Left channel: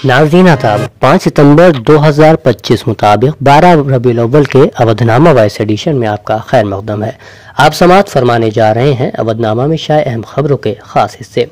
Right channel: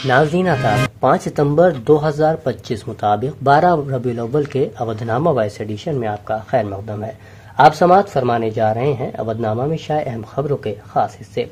नाज़रीन आदाब 5 सितंबर 2025 मुताबिक 12 रबीउल अव्वल के अवधनामा वॉइस एडिशन में आपका खैर मकदम है। आप समाअत फरमाने जा रहे हैं अवधनामा में शाये अहम खबरों के खास हिस्से।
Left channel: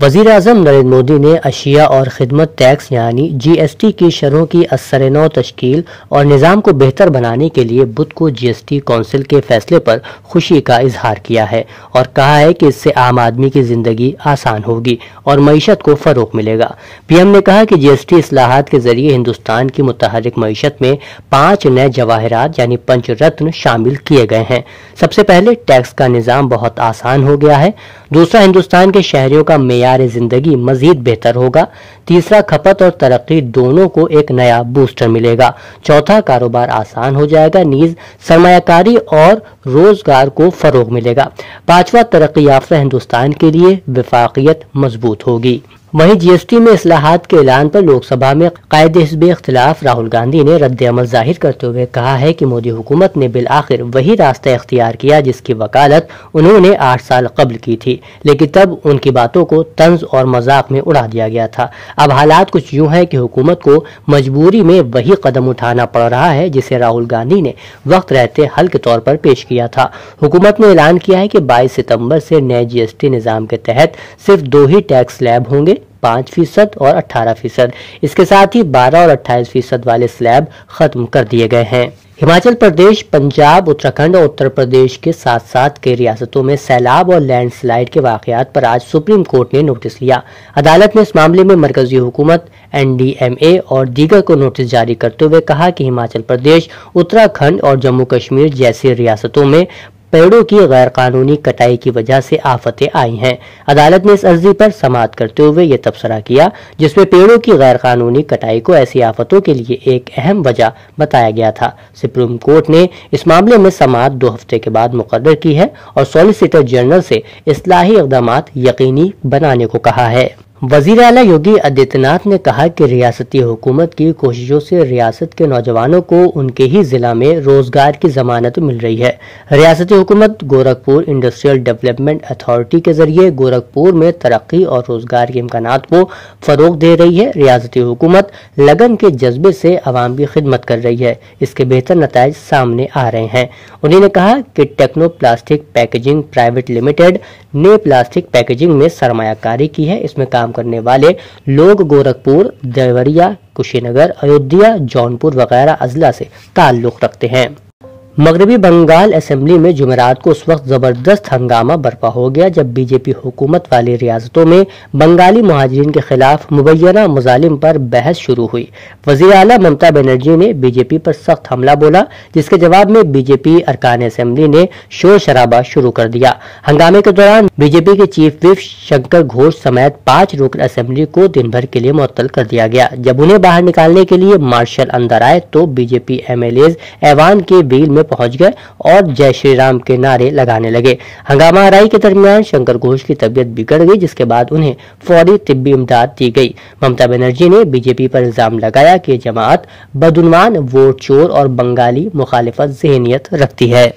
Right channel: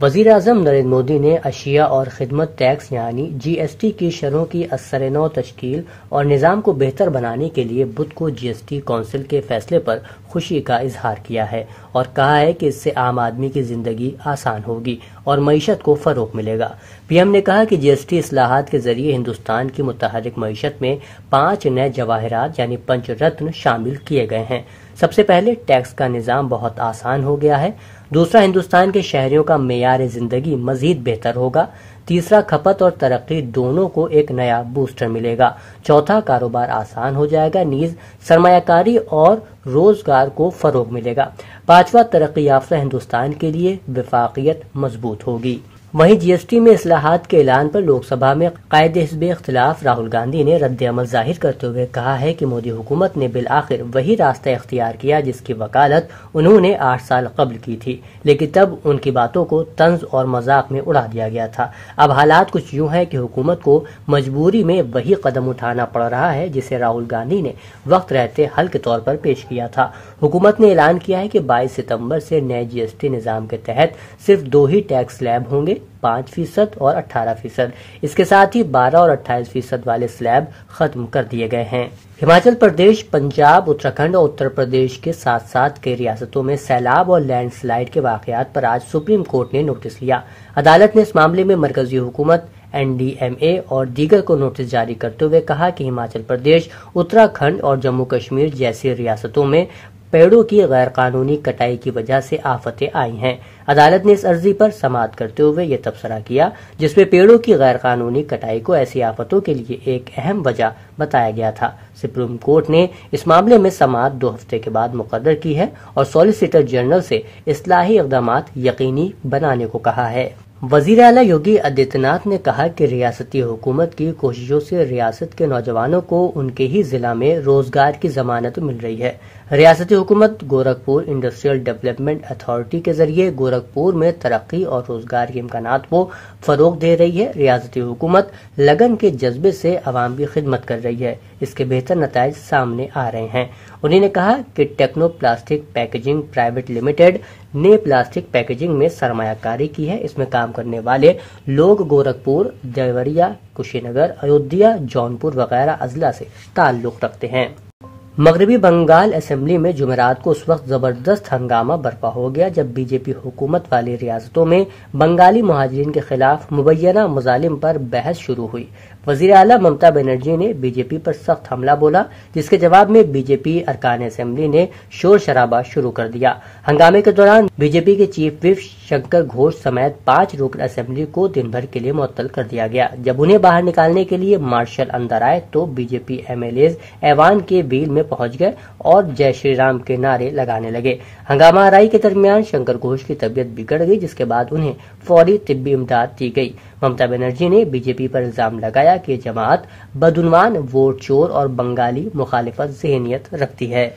वज़ीर आज़म नरेंद्र मोदी ने अशिया और खिदमत टैक्स यानी GST की शरहों की असर-ए-नौ तश्कील और निज़ाम को बेहतर बनाने के लिए बुध को GST कौंसिल के फैसले पर खुशी का इजहार किया है और कहा है कि इससे आम आदमी की जिंदगी आसान होगी और मईशत को फरोग मिलेगा। PM ने कहा कि GST इस्लाहात के जरिए हिंदुस्तान की मुतहरिक मईशत में 5 नए जवाहरात यानी पंच रत्न शामिल किए गए हैं। सबसे पहले टैक्स का निज़ाम बहुत आसान हो गया है। दूसरा, हिंदुस्तान के शहरियों का मेयार जिंदगी मजीद बेहतर होगा। तीसरा, खपत और तरक्की दोनों को एक नया बूस्टर मिलेगा। चौथा, कारोबार आसान हो जाएगा, नीज सरमायाकारी और रोजगार को फरोग मिलेगा। पांचवा, तरक्की याफ्ता हिंदुस्तान के लिए वफाकियत मजबूत होगी। वहीं GST में इस्लाहात के ऐलान पर लोकसभा में कायदे हिज़्ब इख्तिलाफ राहुल गांधी ने रद्द अमल जाहिर करते हुए कहा है कि मोदी हुकूमत ने बिल आखिर वही रास्ता इख्तियार किया जिसकी वकालत उन्होंने 8 साल कबल की थी, लेकिन तब उनकी बातों को तंज और मजाक में उड़ा दिया गया था। अब हालात कुछ यूं है कि हुकूमत को मजबूरी में वही कदम उठाना पड़ रहा है जिसे राहुल गांधी ने वक्त रहते हल के तौर पर पेश किया था। हुकूमत ने ऐलान किया है कि 22 सितंबर से नए GST निज़ाम के तहत सिर्फ 2 ही टैक्स स्लैब होंगे, 5% और 18%। इसके साथ ही 12 और 28% वाले स्लैब खत्म कर दिए गए हैं। हिमाचल प्रदेश, पंजाब, उत्तराखंड और उत्तर प्रदेश के साथ साथ कई रियासतों में सैलाब और लैंडस्लाइड के वाकयात पर आज सुप्रीम कोर्ट ने नोटिस लिया। अदालत ने इस मामले में मरकजी हुकूमत, NDMA और दीगर को नोटिस जारी करते हुए कहा कि हिमाचल प्रदेश, उत्तराखंड और जम्मू कश्मीर जैसी रियासतों में पेड़ों की गैर कानूनी कटाई की वजह से आफतें आई हैं। अदालत ने इस अर्जी पर समाअत करते हुए ये तबसरा किया जिसमें पेड़ों की गैर कानूनी कटाई को ऐसी आफतों के लिए एक अहम वजह बताया गया था। सुप्रीम कोर्ट ने इस मामले में समाअत 2 हफ्ते के बाद मुकर्रर की है और सॉलिसिटर जनरल से इस्लाही इक़दामात यकीनी बनाने को कहा है। वज़ीर आला योगी आदित्यनाथ ने कहा कि रियासती हुकूमत की कोशिशों से रियासत के नौजवानों को उनके ही जिला में रोजगार की जमानत मिल रही है। रियासती हुकूमत गोरखपुर इंडस्ट्रियल डेवलपमेंट अथॉरिटी के जरिए गोरखपुर में तरक्की और रोजगार के इम्कानात को फरोग दे रही है। रियासती हुकूमत लगन के जज्बे से अवाम की खिदमत कर रही है। इसके बेहतर नताइज सामने आ रहे हैं। उन्होंने कहा कि techno plastic packaging private limited ने प्लास्टिक पैकेजिंग में सरमायाकारी की है। इसमें काम करने वाले लोग गोरखपुर, देवरिया, कुशीनगर, अयोध्या, जौनपुर वगैरह अजला से ताल्लुक रखते हैं। मगरबी बंगाल असेंबली में जुमेरात को उस वक्त जबरदस्त हंगामा बर्पा हो गया जब बीजेपी हुकूमत वाली रियासतों में बंगाली मुहाजिरीन के खिलाफ मुबैना मजालिम पर बहस शुरू हुई। वज़ीर आला ममता बनर्जी ने बीजेपी पर सख्त हमला बोला, जिसके जवाब में बीजेपी अरकान असेंबली ने शोर शराबा शुरू कर दिया। हंगामे के दौरान बीजेपी के चीफ विप शंकर घोष समेत 5 रुकन असेंबली को दिन भर के लिए मुअत्तल कर दिया गया। जब उन्हें बाहर निकालने के लिए मार्शल अंदर आए तो बीजेपी MLAs ऐवान के बील में पहुंच गए और जय श्री राम के नारे लगाने लगे। हंगामा आराई के दरमियान शंकर घोष की तबीयत बिगड़ गई, जिसके बाद उन्हें फौरी तिब्बी इमदाद दी गई। ममता बनर्जी ने बीजेपी पर इल्जाम लगाया कि जमात बदउनवान, वोट चोर और बंगाली मुखालिफत ज़हनियत रखती है।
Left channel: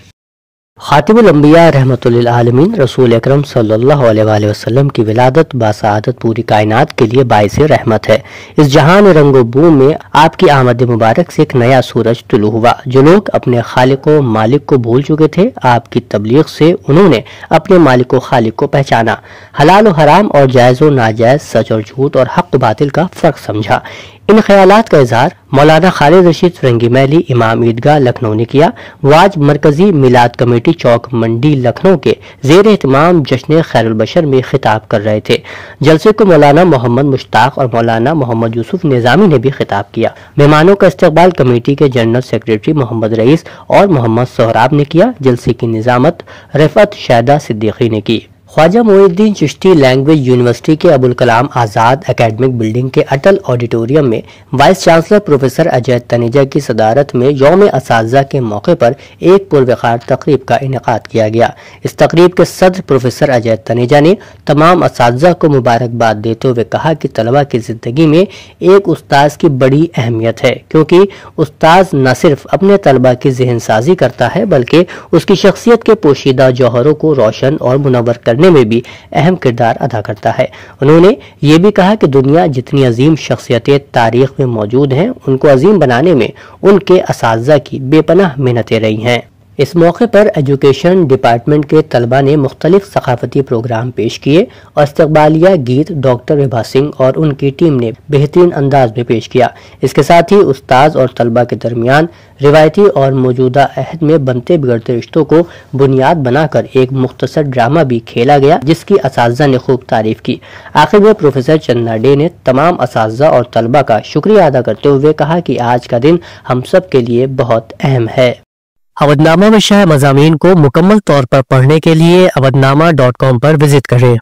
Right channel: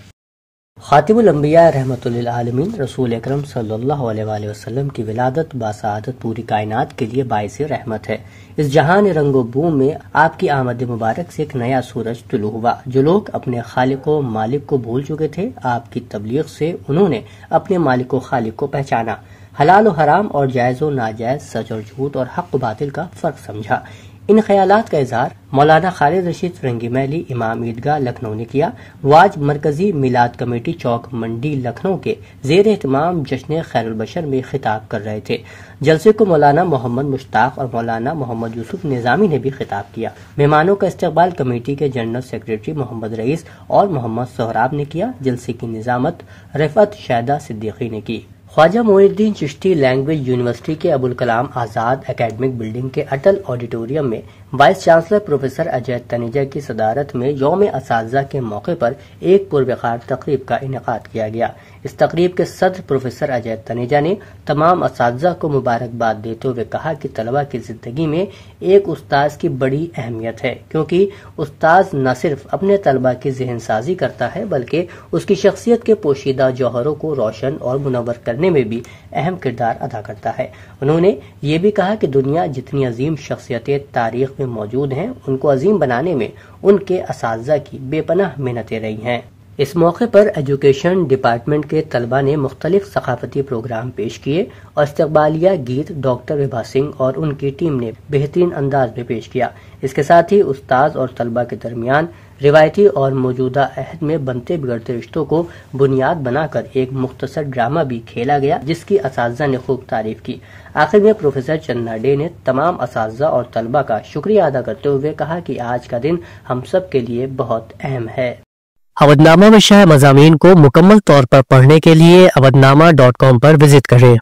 खातिमुल अंबिया रहमतुल्लिल आलमीन रसूल अकरम सल्लल्लाहु अलैहि वसल्लम की विलादत बासआदत पूरी कायनात के लिए बाइस रहमत है। इस जहान रंगो बूम में आपकी आमद मुबारक से एक नया सूरज तुलू हुआ। जो लोग अपने खालिक व मालिक को भूल चुके थे, आपकी तबलीग से उन्होंने अपने मालिक व खालिक को पहचाना, हलाल व हराम और जायज़ व नाजायज, सच और झूठ और हक बातिल का फर्क समझा। इन ख्यालात का इजहार मौलाना खालिद रशीद फिरंगी महली इमाम ईदगाह लखनऊ ने किया। वो आज मरकजी मिलाद कमेटी चौक मंडी लखनऊ के ज़ेर एहतमाम जश्न खैरुल बशर में खिताब कर रहे थे। जलसे को मौलाना मोहम्मद मुश्ताक और मौलाना मोहम्मद यूसुफ निजामी ने भी खिताब किया। मेहमानों का इस्तकबाल कमेटी के जनरल सेक्रेटरी मोहम्मद रईस और मोहम्मद सोहराब ने किया। जलसे की निजामत रफ़त शैदा सिद्दीकी ने की। ख्वाजा मोइनुद्दीन चिश्ती लैंग्वेज यूनिवर्सिटी के अबुल कलाम आज़ाद एकेडमिक बिल्डिंग के अटल ऑडिटोरियम में vice chancellor professor Ajay Taneja की सदारत में यौम असातिज़ा के मौके पर एक पुरवकार तकरीब का इनेकाद किया गया। इस तकरीब के सदर प्रोफेसर अजय तनेजा ने तमाम असातिज़ा को मुबारकबाद देते हुए कहा कि तलबा की जिंदगी में एक उस्ताद की बड़ी अहमियत है, क्योंकि उस्ताद न सिर्फ अपने तलबा की ज़हन साजी करता है बल्कि उसकी शख्सियत के पोशीदा जौहरों को रोशन और मुनव्वर करने کرنے میں بھی اہم کردار ادا کرتا ہے۔ انہوں نے یہ بھی کہا کہ دنیا جتنی عظیم شخصیتیں تاریخ میں موجود ہیں، ان کو عظیم بنانے میں ان کے اساتذہ کی بے پناہ محنتیں رہی ہیں۔ اس موقع پر ایجوکیشن ڈپارٹمنٹ کے طلبہ نے مختلف ثقافتی پروگرام پیش کیے اور استقبالیہ گیت ڈاکٹر وبھا سنگھ اور ان کی ٹیم نے بہترین انداز میں پیش کیا۔ اس کے ساتھ ہی استاذ اور طلبہ کے درمیان روایتی اور موجودہ عہد میں بنتے بگڑتے رشتوں کو بنیاد بنا کر ایک مختصر ڈرامہ بھی کھیلا گیا، جس کی اساتذہ نے خوب تعریف کی۔ آخر میں پروفیسر چندنا ڈے نے تمام اساتذہ اور طلبہ کا شکریہ ادا کرتے ہوئے کہا کہ آج کا دن ہم سب کے لیے بہت اہم ہے۔ اودھنامہ میں شائع مضامین کو مکمل طور پر پڑھنے کے لیے اودھنامہ.com پر وزٹ کریں۔